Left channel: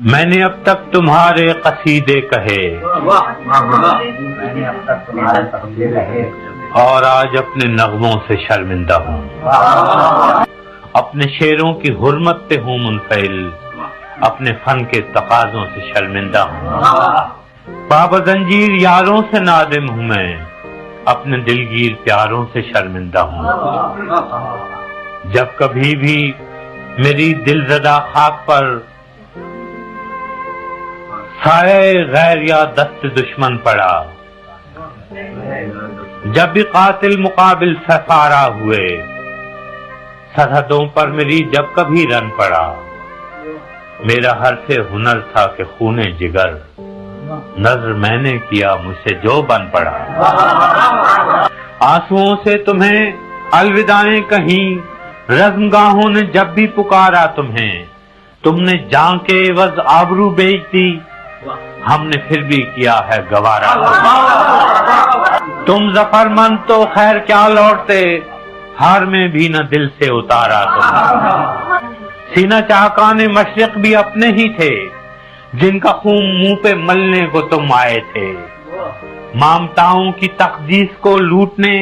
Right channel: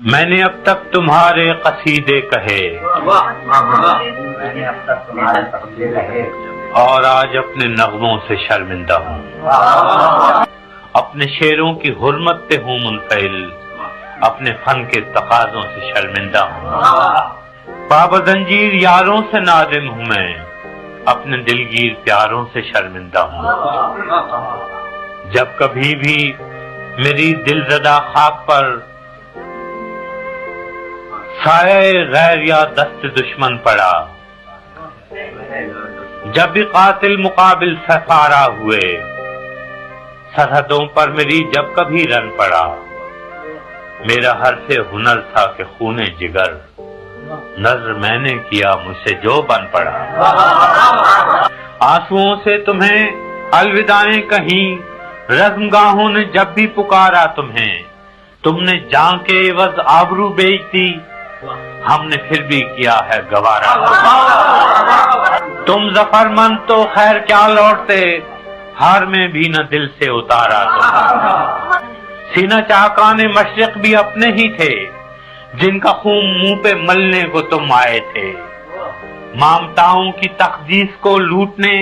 میں نے اب تک تمہارے قصیدے کہے اور آج اپنے نغموں سے شرمندہ ہوں، اپنے شعروں کی حرمت پہ ہوں منفعل، اپنے فن کے تقاضوں سے شرمندہ ہوں، پابزنجیر یاروں سے نادم ہوں، میں اپنے دلگیر پیاروں سے شرمندہ ہوں۔ جب کبھی بھی میری دل زدہ خاک پر سایہ غیر یا دست دشمن پڑا، جب بھی قاتل مقابل سفارا ہوئے، سرحدوں پر میری جب کبھی رن پڑا، میرا ہر سے ہنر تھا کہ خون جگر نظر میں نے کیا مجھ سے جو بن پڑا۔ آنسوؤں سے تمہیں الوداعیں کہیں، رزمگاہوں نے جب بھی پکارا تمہیں، تم نے جان کے عوض آبرو بیچ دی، ہم نے پھر بھی کیا ہے گوارا۔ تم ظفر مند تو خیر کیا لوٹتے، ہار میں بھی نہ دل سے اتارا تم۔ سینہ چاکان مشرق بھی اپنے ہی تھے، جن کا خون منہ پہ ملنے کو تم آئے تھے، مامتاؤں کی تقدیس کو لوٹنے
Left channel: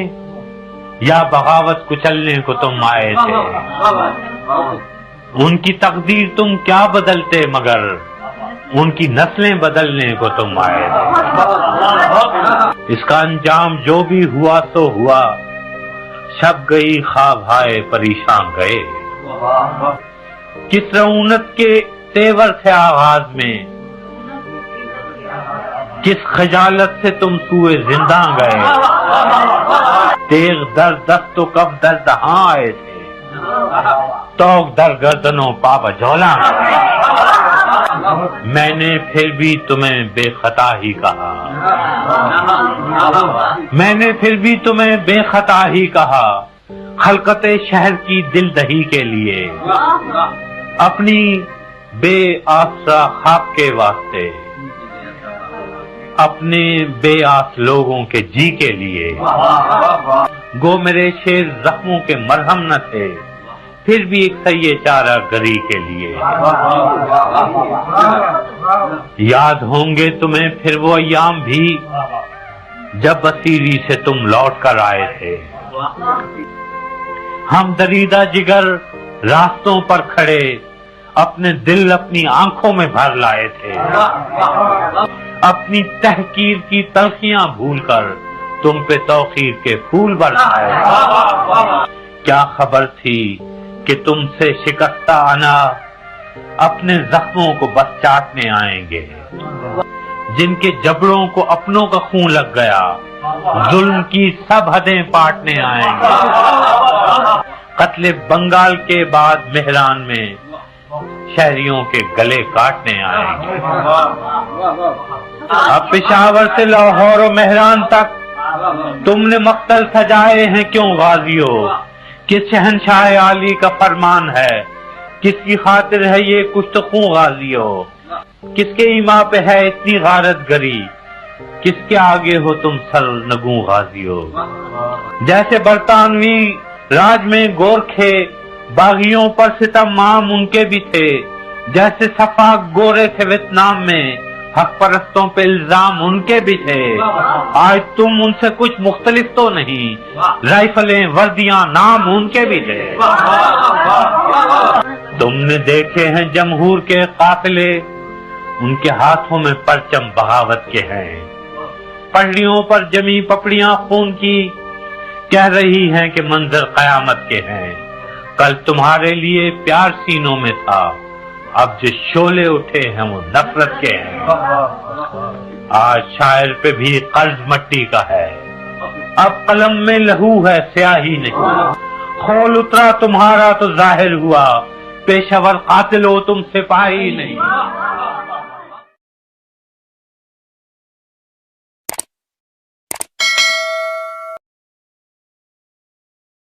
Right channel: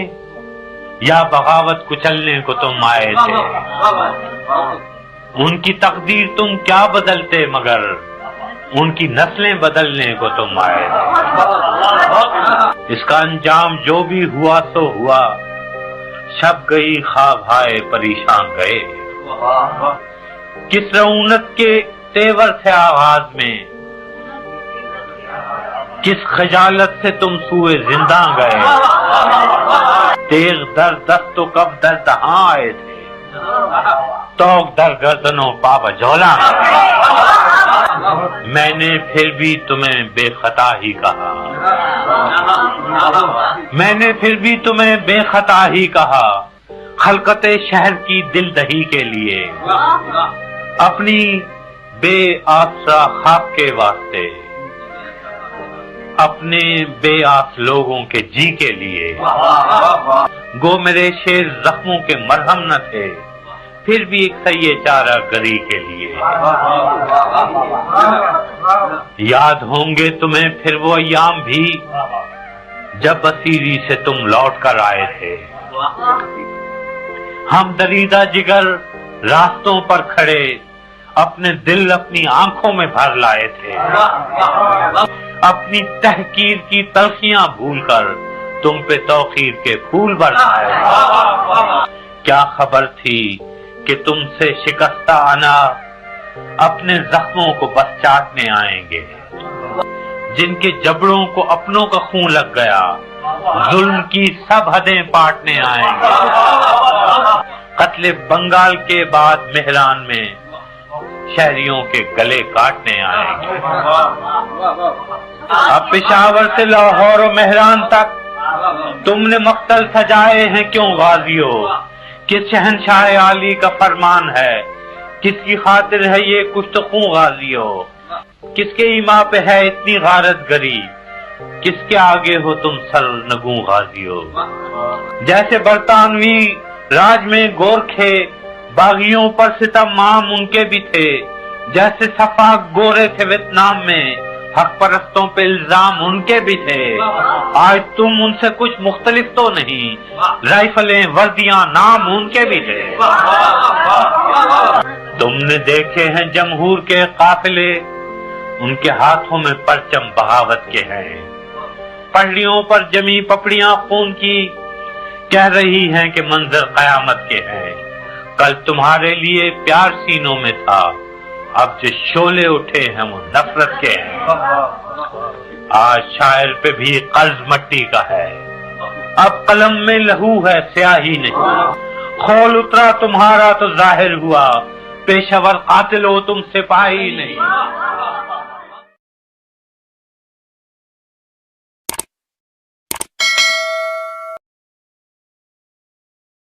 یا بغاوت کچلنے کو تم آئے تھے۔ ان کی تقدیر تم کیا بدلتے، مگر ان کی نسلیں بدلنے کو تم آئے تھے۔ اس کا انجام جو بھی ہوا تو ہوا، شب گئی خواب آئے پریشان گئے۔ کس رعونت کے تیور سے آغاز میں، کس خجالت سے تم سوئے زندہ گئے، تیغ در دست تو کب در دہاں آئے تھے، توق در گردنوں پا بجولا۔ میں نے پھر بھی تمہیں بے خطا ہی کہا، میں نے پھر بھی تمہیں بے خطا ہی کہا، خلقت شہر کی دل دہی کے لیے، اپنی بے آسرا خاک کے واسطے، اپنے بے آس لوگوں کے جی کے لیے۔ گو میرے شعر زخموں کے مرہم نہ تھے، پھر بھی ایک سیے چارہ گری کے لیے۔ یاد ہوں گے تمہیں پھر وہ ایام بھی، جب اسیری سے تم لوٹ کر آئے تھے، ہم دریدہ جگر راستوں پر کھڑے، اپنے دل اپنی آنکھوں میں بھر لائے تھے، اپنی تحقیر کی تلخیاں بھول کر تم پہ توقیر کے پھول برسائے تھے۔ کیا خبر تھی کہ تم سے شکستہ انا اپنے زخموں کو بس چاٹنے آئیں گے، جن کے جبڑوں کو اپنوں کا خون لگ گیا، ظلم کی سب حدیں پاٹنے آئیں گے۔ قتل بنگال کے بعد مہران میں شہریوں کے گلے کاٹنے آئیں گے۔ اب پشاور سے لاہور و مہران تک تم نے مقتل سجائے ہیں کیوں غازیوں، کس شہنشاہ عالی کا فرمان ہے، کس کی خاطر ہے یہ کشت خوں غازیوں، کس کے ایما پہ ہے اتنی غارت گری، کس کے آگے ہو تم سر نگوں غازیوں۔ جیسے برطانوی راج میں گورکھے باغیوں پر ستم عام ان کے بھی تھے، جیسے صفاق گورے تھے ویتنام میں، حق پرستوں پہ الزام ان کے بھی تھے۔ آج تم ان سے کچھ مختلف تو نہیں، رائفلیں وردیاں نام ان کے بھی تھے۔ تم نے دیکھے ہیں جمہور کے قافلے، ان کے ہاتھوں میں پرچم بغاوت کے ہیں، پہلیوں پر جمی پپڑیاں خون کی، کہہ رہی ہیں کہ منظر قیامت کے ہیں۔ کل تمہارے لیے پیار سینوں میں تھا، اب جو شعلے اٹھے ہیں وہ نفرت کے ہیں۔ آج شاعر پہ بھی قرض مٹی کا ہے، اب قلم میں لہو ہے سیاہی نہیں، خول اترا تمہارا تو ظاہر ہوا، پیشہ ور قاتل ہو تم سپاہی نہیں۔